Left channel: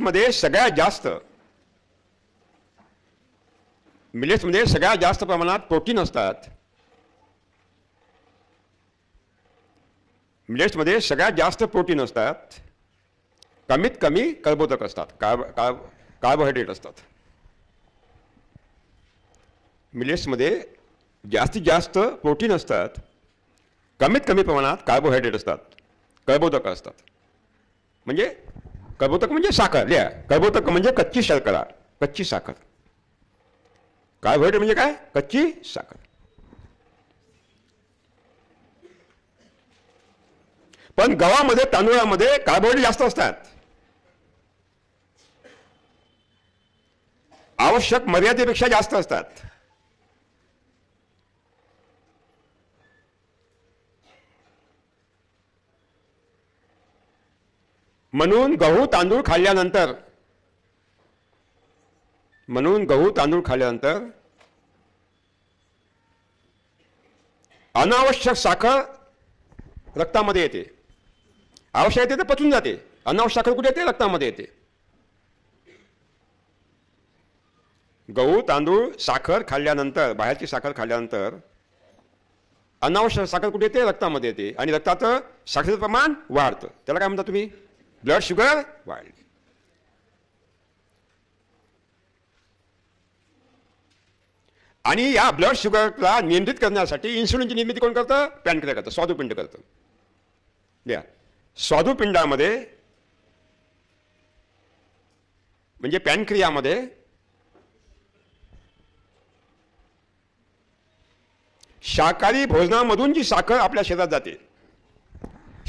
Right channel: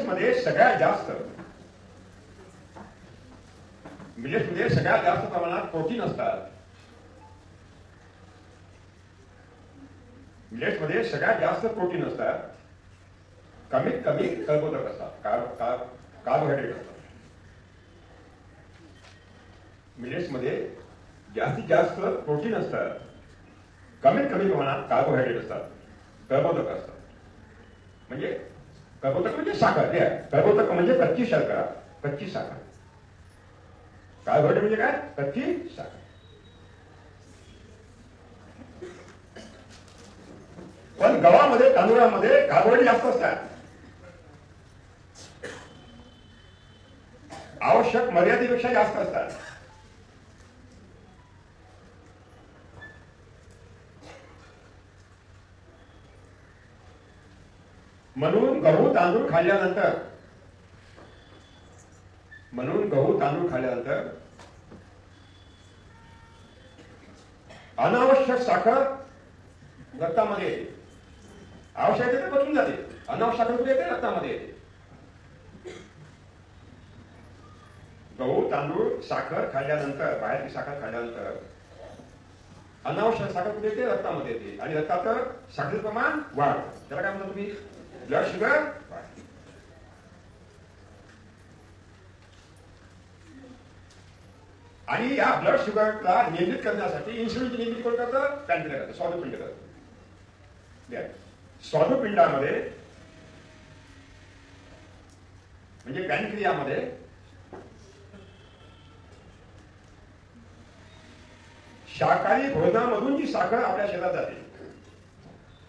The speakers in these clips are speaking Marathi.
मिलेट्समध्ये सगळ्यात जास्त प्रमाणात प्रोटीन असतात. मिलेट्समध्ये सगळ्यात जास्त प्रोटीन असतात, कमीत कमी कर्बोदक असतात, कार्बोहायड्रेट असतात. मिलेट्समध्ये जास्तीत जास्त प्रोटीन असतात, कमीत कमी प्रमाणात कार्बोहायड्रेट असतात, कर्बोदक असतात. म्हणजे कर्बोदक म्हणजे साखर. कर्बोदक म्हणजे कच्ची शर्करा, कच्ची साखर. कार्बोहायड्रेट म्हणजे काय? कच्ची साखर. पण गव्हामध्ये, तांदूळामध्ये कार्बोहायड्रेट जास्त असतात. आवश्यक मर्यादेपेक्षा जास्त असतात. म्हणून गहू तांदूळ खाल्ल्यानंतर अनावश्यक साखर रक्तामध्ये येते. आवश्यक येते तर पचून जाते. अनावश्यक साखर कुठे येते? रक्तामध्ये येते. गहू तांदूळ साखर खाल्ल्यानंतर, बाहेरची साखर खाल्ल्यानंतर अनावश्यक साखर कुठे येते? रक्तामध्ये येते. आणि रक्ताचं साखरेचं प्रमाण वाढतं. त्याला काय म्हणता तुम्ही? ब्लड शुगर वाढ. आणि या ब्लड शुगरला नियंत्रित करण्यासाठी इन्सुलिनची निर्मिती कोण करतं? पॅनक्रिया करतं, स्वादुपिंड करतं. स्वादुपिंडामध्ये म्हणजे पॅनक्रियामध्ये शाकाहारी भोजनामधून जी साखर आपल्या शरीरात जाते,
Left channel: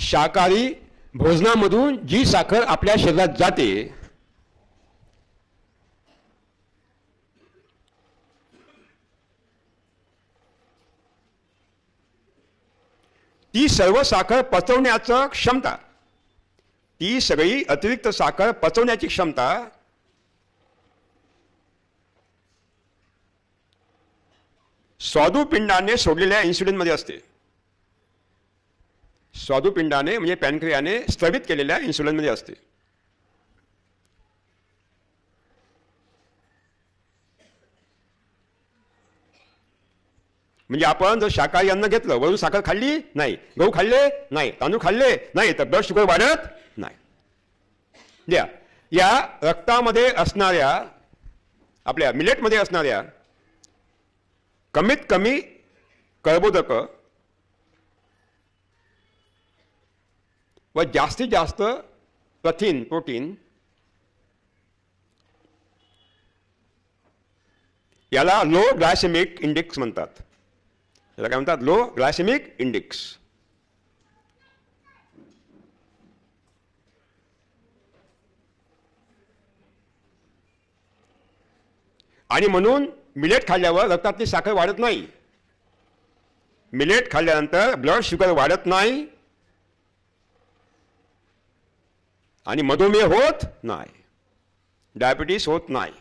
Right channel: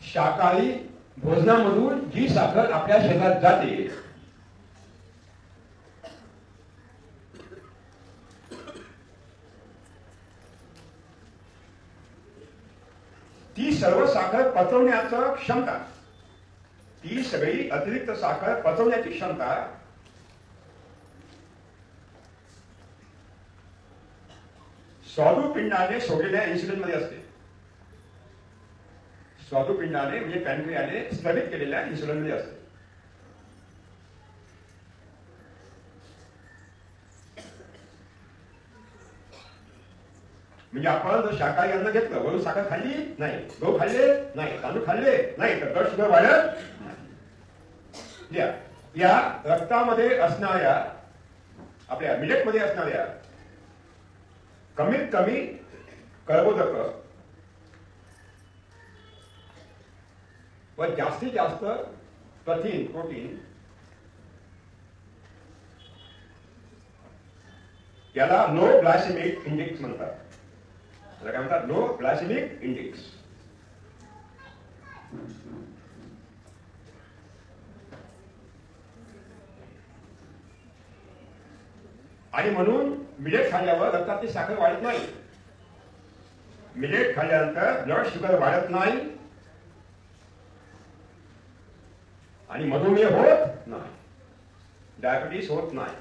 शाकाहारी भोजनामधून जी साखर आपल्या शरीरात जाते, ती सर्व साखर पचवण्याची क्षमता, ती सगळी अतिरिक्त साखर पचवण्याची क्षमता स्वादुपिंडाने सोडलेल्या इन्सुलिन मध्ये असते. स्वादुपिंडाने म्हणजे पॅनक्रियाने स्थगित केलेल्या इन्सुलिन मध्ये असते. म्हणजे आपण जर शाकाहारी अन्न घेतलं, वरून साखर खाल्ली नाही, गहू खाल्ले नाही, तांदूळ खाल्ले नाही, तर ब्लड शुगर वाढत नाही. या रक्तामध्ये असणाऱ्या, आपल्या मिलेटमध्ये असणाऱ्या कमीत कमी कर्बोदक व जास्तीत जास्त प्रोटीन याला लो ग्लायसेमिक इंडेक्स म्हणतात. याला काय म्हणतात? Low glycemic index. आणि म्हणून मिलेट खाल्ल्यावर रक्तातली साखर वाढत नाही. मिलेट खाल्ल्यानंतर ब्लड शुगर वाढत नाही आणि मधुमेह होत नाही, डायबिटीस होत नाही.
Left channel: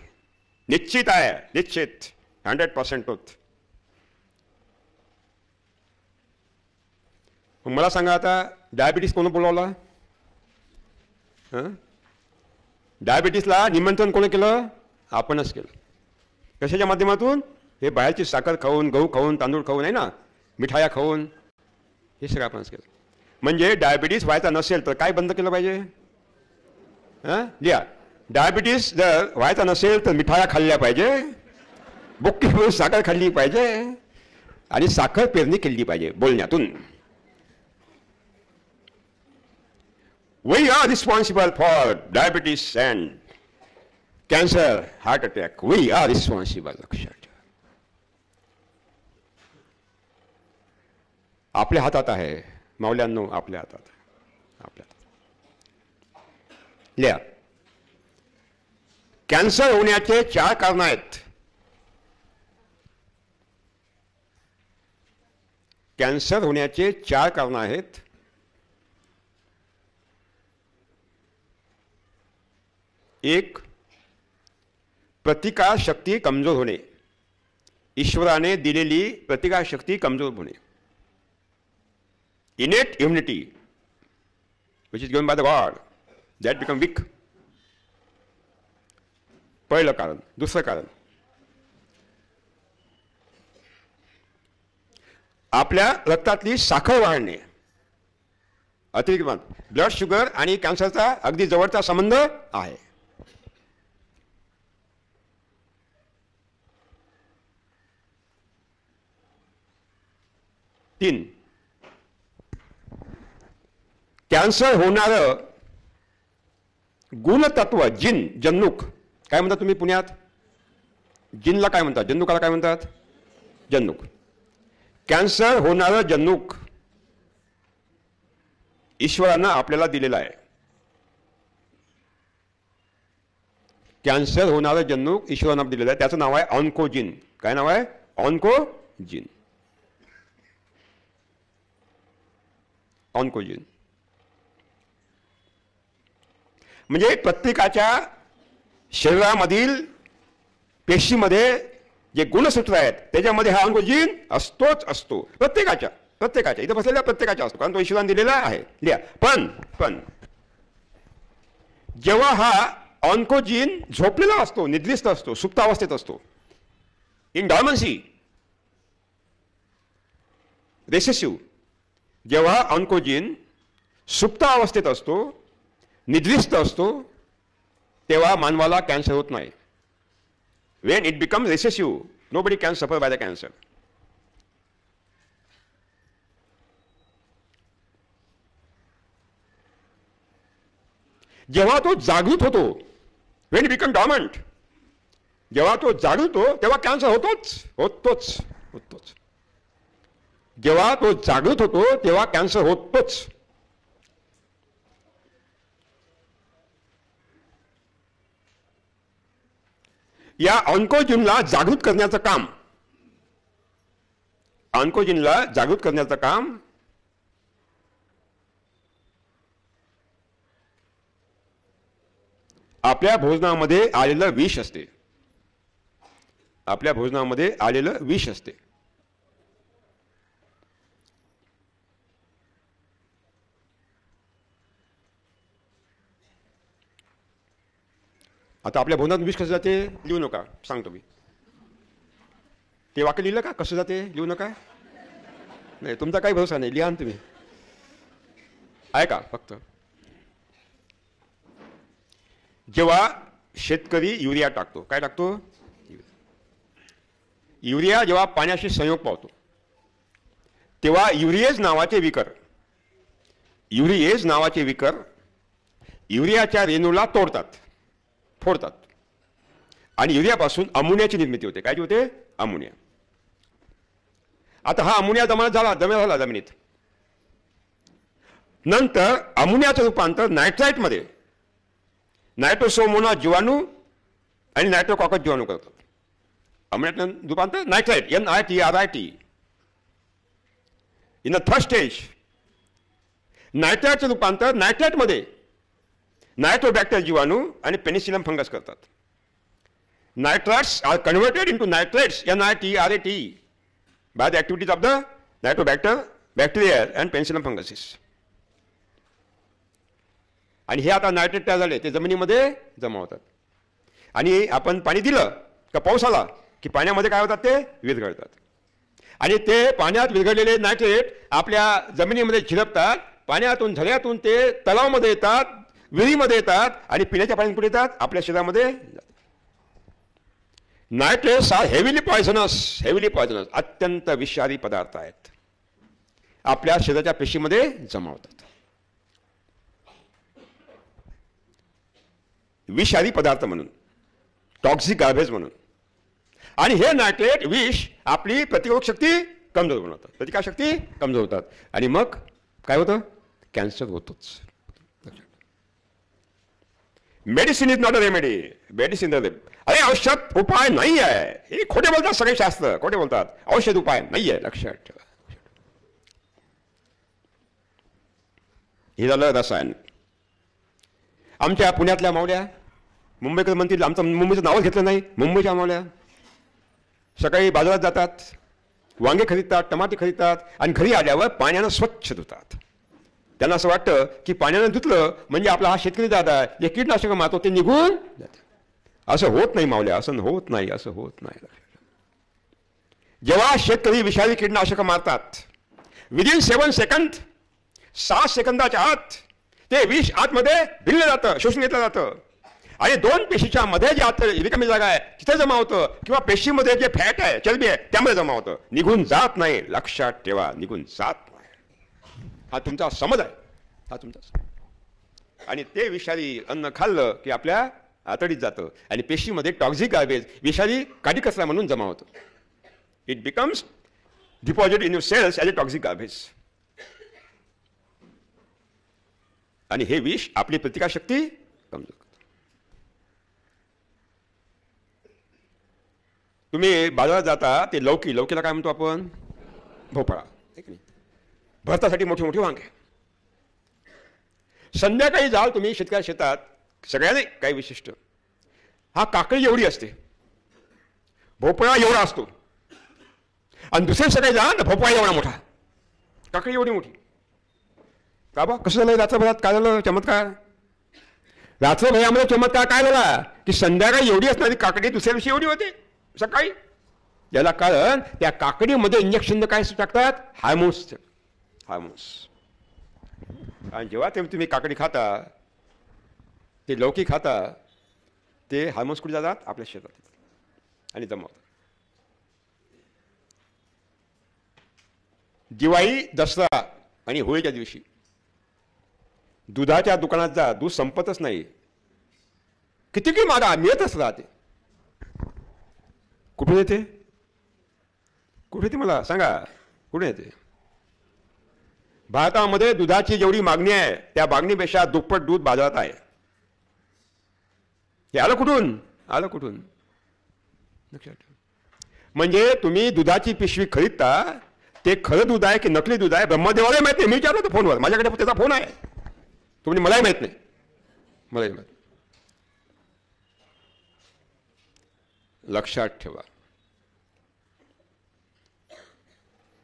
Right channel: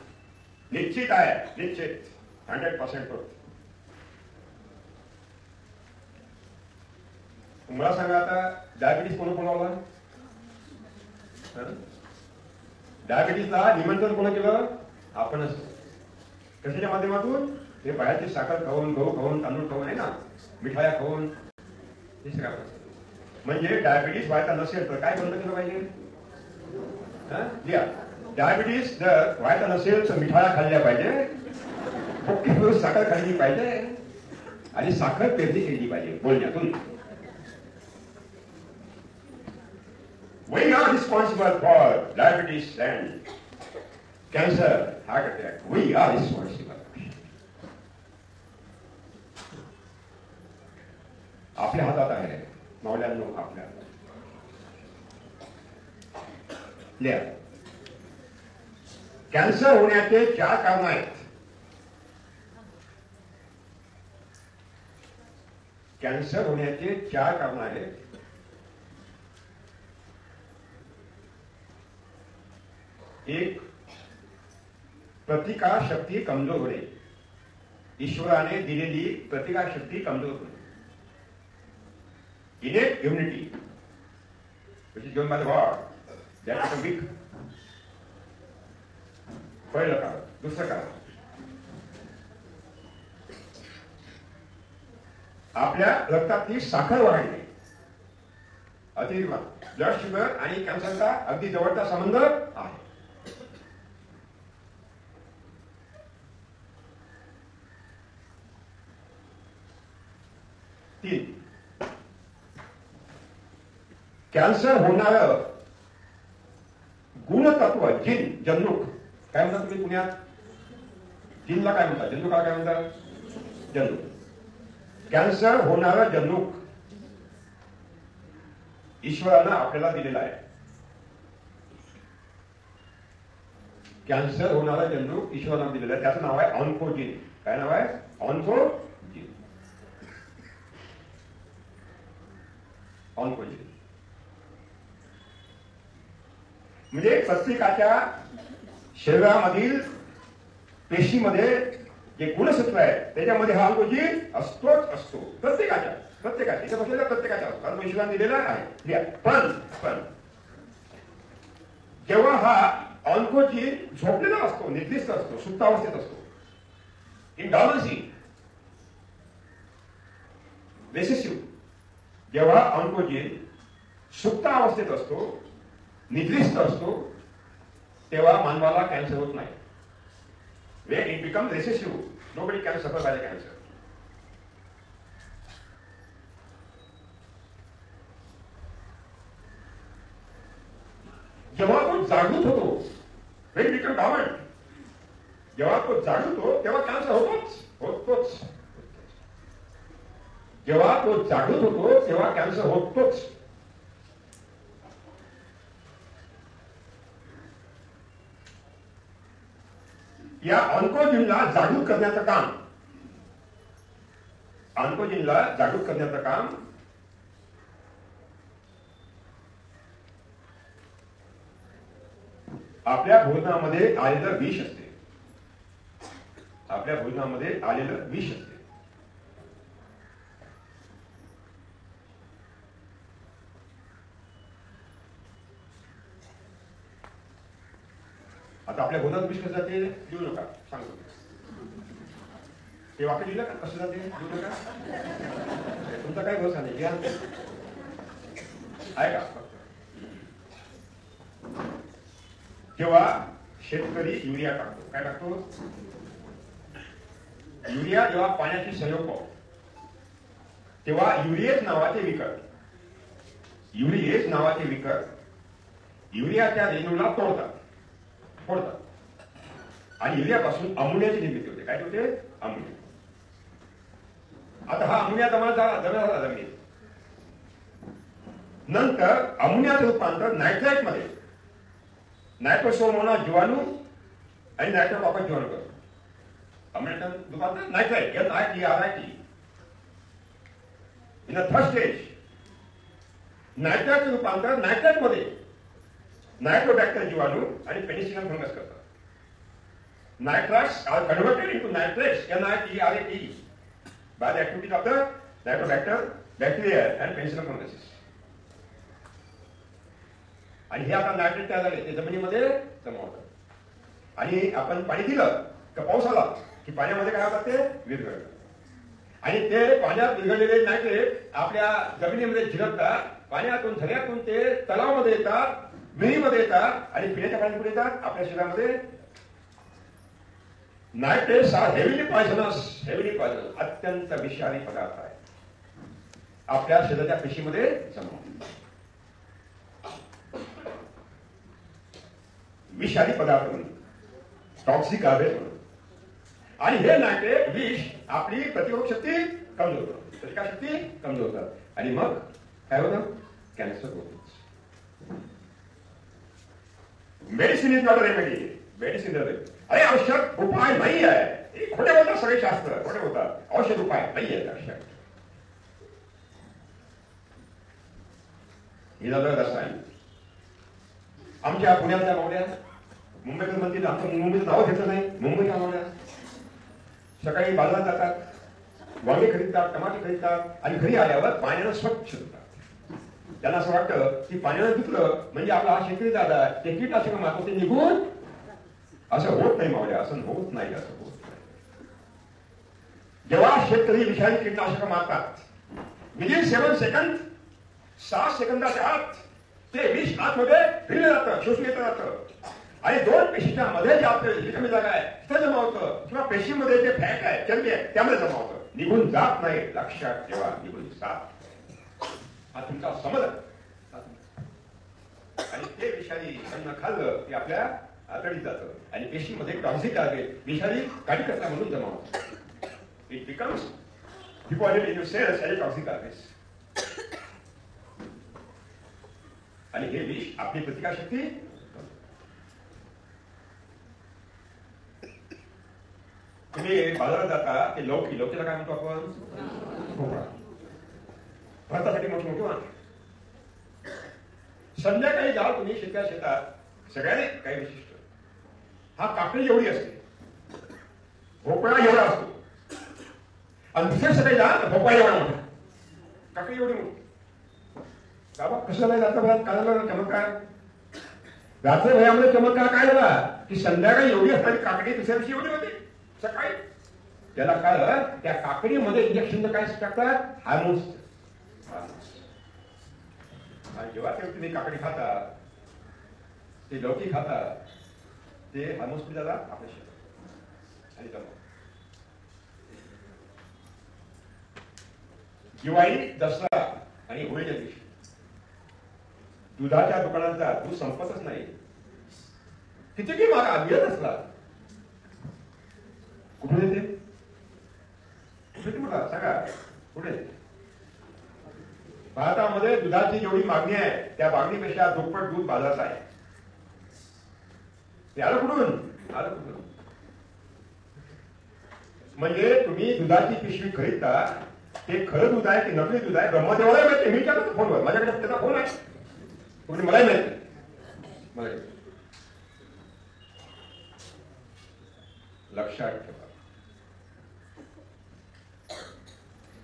निश्चित आहे, निश्चित 100% होत. मला सांगा आता, डायबिटीस कोण बोलावला? डायबिटीसला निमंत्रण कोणी केलं? आपणच केलं. कशाच्या माध्यमातून? हे बाहेरची साखर खाऊन, गहू खाऊन, तांदूळ खाऊन, आहे ना, मिठाया खाऊन, हे सगळं आपणच केलं. म्हणजे डायबिटीस व्हायचा नसेल तर काय बंद केलं पाहिजे? डायबिटीस जर व्हायचा नसेल तर मिठाया खाल्ल्या पाहिजे, बुक्की भरून साखर खाल्ली पाहिजे आणि साखर पेरणी केली पाहिजे बोलण्यातून. We are responsible for diabetes and cancer, heart attack. We are responsible. आपल्या हातात आहे मौल्यांनो, आपल्या हातात. लिहा, कॅन्सर होण्याचे 4 कारण आहेत. कॅन्सर होण्याचे 4 कारण आहेत. एक, प्रतिकार शक्ती कमजोर होणे. ईश्वराने दिलेली प्रतिकार शक्ती कमजोर होणे. innate immunity which is given by the God, that become weak. पहिलं कारण. दुसरं कारण, आपल्या रक्तातली साखर वाढणे. अतिरिक्त ब्लड शुगर आणि कॅन्सरचा अगदी जवळचा संबंध आहे. तीन, कॅन्सर होणारं गुणतत्व जिन, जन्नुक. काय म्हणतात तुम्ही पुण्यात? जिनला काय म्हणतात? जन्नुकाला काय म्हणतात? जन्नुक. कॅन्सर होणारं जन्नुक ईश्वरानं आपल्याला दिलेलं आहे. कॅन्सर होणारं जन्नुक ईश्वरानं दिलेलं आहे. त्याचं नाव आहे ऑन्कोजिन. काय नाव आहे? ऑन्कोजिन. ऑन्कोजिन म्हणजे प्रत्येकाच्या शरीरामधील पेशीमध्ये जे गुणसूत्र आहेत त्याच्यामध्ये हा ऑन्कोजिन असतोच असतो. प्रत्येकाच्या इथं बसलेल्या प्रत्येकाच्या असतो, कारण तो ईश्वराने दिलेला आहे. लिहा. पण जेव्हा हा ऑन्कोजिन झोपलेला असतो, निद्रिस्त असतो, सुप्तावस्थेत असतो, इन डॉर्मन्सी, रेसेसिव्ह, जेव्हा ऑन्कोजिन सुप्त अवस्थेत असतो, निद्रिस्त असतो, तेव्हा मानवाला कॅन्सर होत नाही. when it becomes recessive, nobody can suffer by the cancer. जेव्हा तो जागृत होतो, when it becomes dormant, जेव्हा तो जागृत होतो तेव्हा कॅन्सर होतोच. जेव्हा तो जागृत होतो तेव्हा कॅन्सर होतोच. या ऑन्कोजिनला जागृत करण्याचं काम, आपल्या भोजनामध्ये आलेलं विष असते. आता आपल्या भोजनात विष कसं जाते लिहू नका, सांगतो मी. ते वाक्य लिहिलं का? कसं जाते लिहू नका. नाही, तुमचा काही भरोसा नाही, लिहा तुम्ही. आहे का? फक्त जेव्हा शेतकरी युरिया टाकतो, काय टाकतो? युरिया जेव्हा पाण्याशी संयोग पावतो तेव्हा युरिएज नावाचे विकर युरियाच्या रेणूला फोडतात आणि युरियापासून अमोनियाची निर्मिती होते. काय होते? अमोनिया. आता हा अमोनिया जमा झाला जमिनीत. नंतर अमोनियाचं रूपांतर नायट्राइटमध्ये, नायट्रोसोमोना जीवाणू आणि नायट्रोकॉकस जीवाणू करतो. अमोनियाचं रूपांतर nitrite, NITRIT. In the third stage नायट्राइटचं रूपांतर नायट्राइटमध्ये नायट्रोबॅक्टर जीवाणू आणि पेनिसिलम फंगस करतात. Nitrites are converted into nitrates, NITRAT, by the activities of the nitrobacter, bacteria and penicillium funguses. आणि हे आता नायट्रेट तयार झाले, ते जमिनीमध्ये जमा होतात. आणि आपण पाणी दिलं का पाऊस आला की पाण्यामध्ये काय होतात? ते विरघळतात. आणि ते पाण्यात विरघळलेले नायट्रेट आपल्या जमिनीमध्ये झिरपतात. पाण्यातून, झऱ्यातून ते तलावामध्ये येतात, विहिरीमध्ये येतात आणि पिण्याच्या पाण्यात कुठे येतात? आपल्या शरीरामध्ये. नायट्रेट्स आर हेविली पॉयझनस, अत्यंत विषारी पदार्थ आहेत. आपल्या शरीराच्या पेशीमध्ये जमा होतात. विषारी पदार्थ म्हणून, टॉक्सिक गार्बेज म्हणून. आणि हे नायट्रेट विष आपली प्रतिरोधक शक्ती कमजोर बनवतात, प्रतिकारशक्ती कमजोर होतात. आणि मग काय होतं? कॅन्सर होतोच. Medicine is not a remedy. Medicine अरे औषध उपाय नाही आहे, हे खोटे बोलतात सगळे शास्त्र, खोटे बोलतात. औषध उपाय नाही आहे, लक्षात ठेवा. हे झालं रसायन. आमच्या पुण्यातल्या मावळ्या, मुंबईकडे म्हणतील आमचं मुंबईचं नाव घेतलं नाही, मुंबईच्या मावळ्या सकाळी बाजारात जातात, वांगे खरीदतात, टमाटे खरीदतात आणि घरी आल्यावर पाण्यानं स्वच्छ धुतात. त्यांना असं वाटतं की पाण्यानं धुतलं म्हणजे आपला हा शेतकरी दादा जे कीटनाशक मारतो ते निघून. असं होत नाही मावल्या, असं होत नाही, असं होत नाही. जेव्हा शेतकरी विषारी कीटकनाशक मारतात, विदिन 7 सेकंद, 6 सेकंदाच्या आत ते विष आतमध्ये भिनलं जातं, शोषून घेतलं जातं. आणि 2 पेशीच्या मध्ये जे आत रिकामी जागा आहे तिथे जमा होतं, किंवा पेशीमध्ये जे फॅट आहे, चरबी आहे, त्यामध्ये जमा होतं. निघून जात नाही, लक्षात ठेवा, निघून जात नाही. हा तुमचा समज आहे, हा तुमचा. आणि ते विषारी अन्न खाल्लं की आपल्या आतडीत जातं आणि पेशीमध्ये टॉक्झिक गार्बेज, विषारी काडी कचरा म्हणून जमा होतं. It becomes deposit in your cells as a toxic garbage. आणि हे विष आपली प्रतिकारशक्ती कमजोर. तुम्ही बाजारात जाता, ते लौकीला काय म्हणतो आपण? भोपळा. भरतासाठी मोठी मोठी वांगे. संध्याकाळी जाल तुम्ही शेतकऱ्या शेतात, सगळ्याने काही विशिष्ट, हा काकडी एवढी असते, भोपळा एवढा असतो. आणि दुसऱ्या सगळे जा तर भोपळा एवढा मोठा, काकडी एवढी मोठी. का बा कसं झालं रात्र भरात? काय झालं चमत्कार? रात्रभरामध्ये चमत्कार काय झाला की संध्याकाळी एवढी असणारी काकडी दुसऱ्या दिवशी एवढी होते सकाळी. याला कारण त्या काकडीमध्ये इंजेक्शन काय टाकतात? हार्मोन्स. आणि जेव्हा ते तुम्ही काकडी खाता, ते लौकी खाता, ते हार्मोन्स कुठे जातात? आपल्या शेतात आणि जमा. दिवाळी, दसरा आणि होळीच्या दिवशी दुधाच्या दुकानात जा, दूध संपतच नाही. किती की मागा मिळतच राहते. कुठून येते? कुठे येते मला सांगा, कुठे येते? भारतामध्ये दुधाची जेवढी मागणी आहे त्या मागणीपेक्षा दुप्पट दूध बाजारात आहे. हे आलं कुठून? आलं कुठून? म्हणजे तुम्ही दुधाची पिशवी खरीदता, ते खरं दूध आहे की नकली दूध आहे ब्रह्मदेवाला माहिती. मी विचारलं तर फोनवर, माझ्याकडे त्याचा फोन आहे. तुम्ही मलाही माहित नाही, मलाही माहित. लक्षात ठेवा,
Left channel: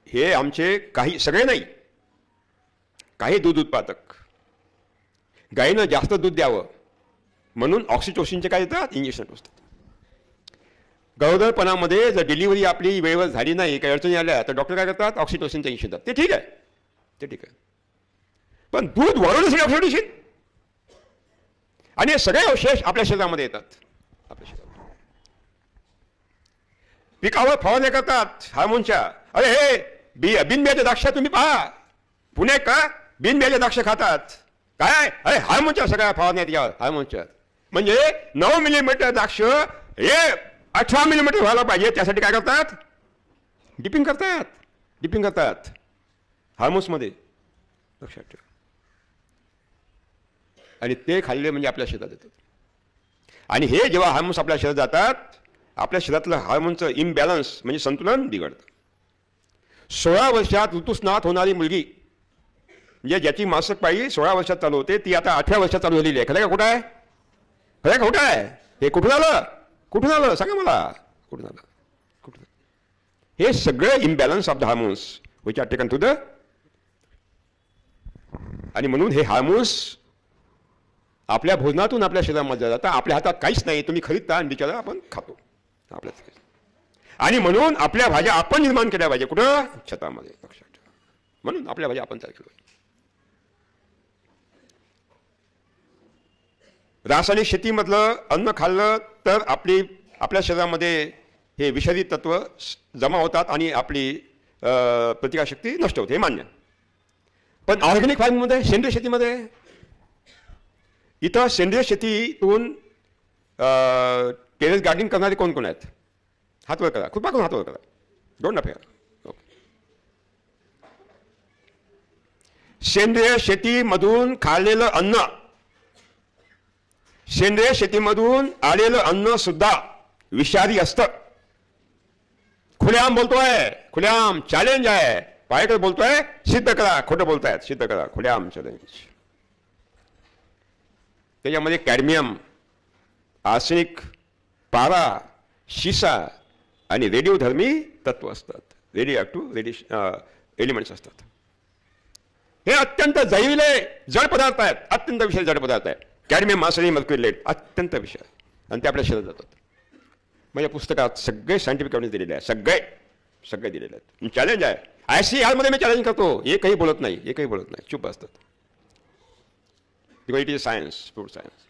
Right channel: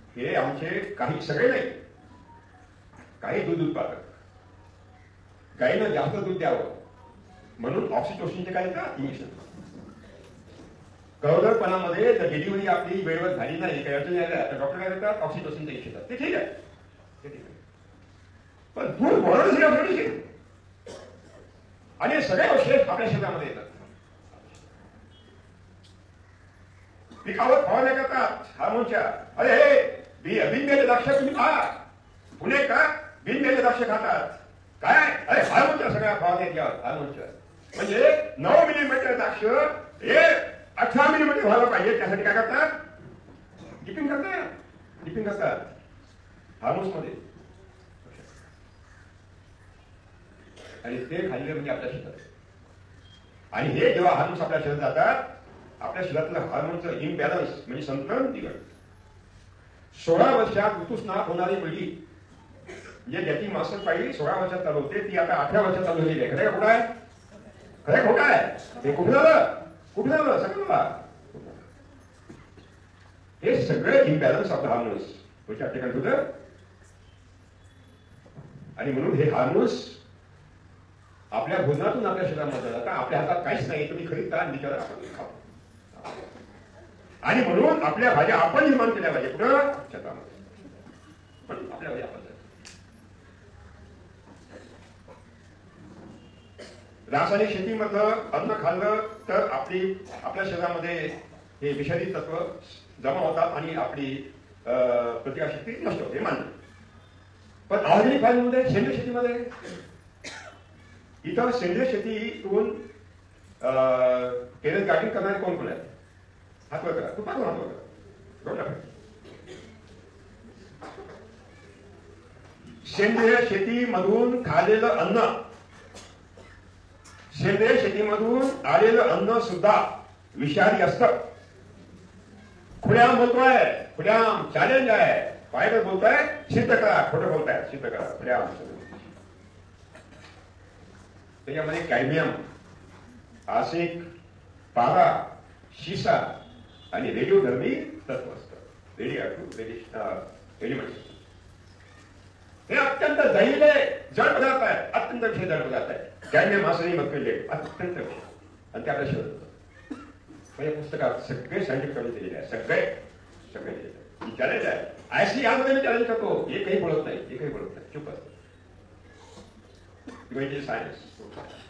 हे आमचे काही, सगळे नाही, काही दूध उत्पादक गायीनं जास्त दूध द्यावं म्हणून ऑक्सिटोसिनचे काय देतात? इंजेक्शन असतात. गरोदरपणामध्ये जर डिलिव्हरी आपली वेळेवर झाली नाही, काही अडचणी आल्या तर डॉक्टर काय करतात? ऑक्सिटोसिनचं इंजेक्शन देतात. ते ठीक आहे, ते ठीक आहे. पण दूध वाढवण्यासाठी ऑक्सिटोसिन आणि हे सगळे अवशेष आपल्या शरीरामध्ये येतात. पिकावर फवारण्या करतात हार्मोनच्या. अरे हे बिनबियाचे द्राक्ष तुम्ही पहा, पुणे का बिनबियाचे द्राक्ष खातात. काय? अरे हार्मोनच्या सगळ्या फवारण्या यावर, हार्मोनच्या. म्हणजे 9 मिलीमीटर द्राक्ष हे 18 मिलीमीटर व्हायला पाहिजे, त्यासाठी काय करतात? डिपिंग करतात हार्मोन्स मध्ये. लक्षात ठेवा. आणि ते खाल्ले म्हणजे आपल्या शरीरात येतात. आणि हे जेव्हा हार्मोन्स आपल्या शरीरात जातात, आपल्या शरीरातलं हार्मोनचं इम्बॅलन्स म्हणजे संतुलन बिघडतं. 16 वर्षात ऋतुस्नात होणारी मुलगी, म्हणजे ज्याची मासिक पाळी 16 वर्षात चालू होते, ती आता 18 वर्षात चालू झालेली आहे. खरं का खोटं आहे? खरं का खोटं आहे? हे कुठून आलं? कुठून आलं सांगा मला, कुठून आलं? हे सगळं imbalance of the hormones which are taken to the. आणि म्हणून हे हार्मोन्स आपल्या भोजनातून आपल्या शरीरामध्ये जातात. आपल्या हातात काहीच नाही, तुम्ही खरीदता आणि बिचारा आपण खातो. आणि म्हणून आपल्या भाज्या आपण निर्माण केल्या पाहिजे. कुठं? शेतामध्ये. म्हणून आपल्या भाज्या आपण तयार केल्या. रासायनिक शेतीमधलं अन्न खाल्लं तर आपल्या शरीरामध्ये हे विषारी तत्व जमा होतात आणि आपली प्रतिकारशक्ती नष्ट होते, हे मान्य. पण ऑर्गॅनिक फार्मिंगमध्ये, सेंद्रिय शेतीमध्ये, इथं सेंद्रिय शेतीतून टेरेस गार्डनिंग करणारे कोण कोण आहेत? हातवर करा, खूप हात वर करा. दोन नफे. सेंद्रिय शेतीमधून खाल्लेलं अन्न, सेंद्रिय शेतीमधून आलेलं अन्न सुद्धा विषारी असतं. खुलेआम बोलतोय, खुलेआम चॅलेंज आहे. पायकर बोलतोय, सिद्ध करा. खोटं बोलतायत, सिद्ध करा. खुलेआम चॅलेंज. त्याच्यामध्ये कॅडमियम, आर्सेनिक, पारा, शिसा आणि रेडिओधर्मी तत्व असतात. रेडिएक्टिव्ह एलिमेंट्स असतात. हे अत्यंत जहरीले जड पदार्थ आहेत, अत्यंत विषारी जड पदार्थ आहेत. कॅडमियम, आर्सेनिक, मर्क्युरी, लेड अत्यंत विषारी. आणि ते आपल्या शरीरात जातात. म्हणजे पुस्तकात सगळे सायंटिफिक एव्हिडन्स दिलेले आहे, सगळे दिलेले आहेत. चॅलेंज आहे, IC हॉलमध्ये मी चॅलेंज करतो, एकही बोलत नाही, चुप असतात. Because it is science, fruit science.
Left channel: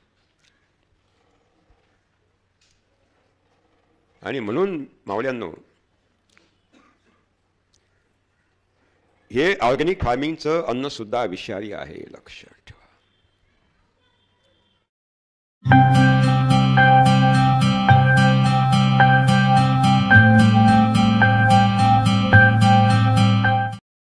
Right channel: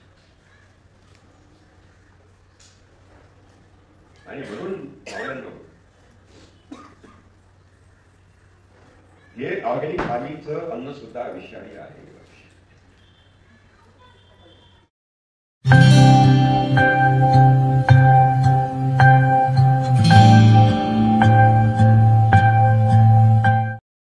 आणि म्हणून मावळ्यांनो, हे ऑर्गॅनिक फार्मिंगचं अन्न सुद्धा विषारी आहे, लक्ष.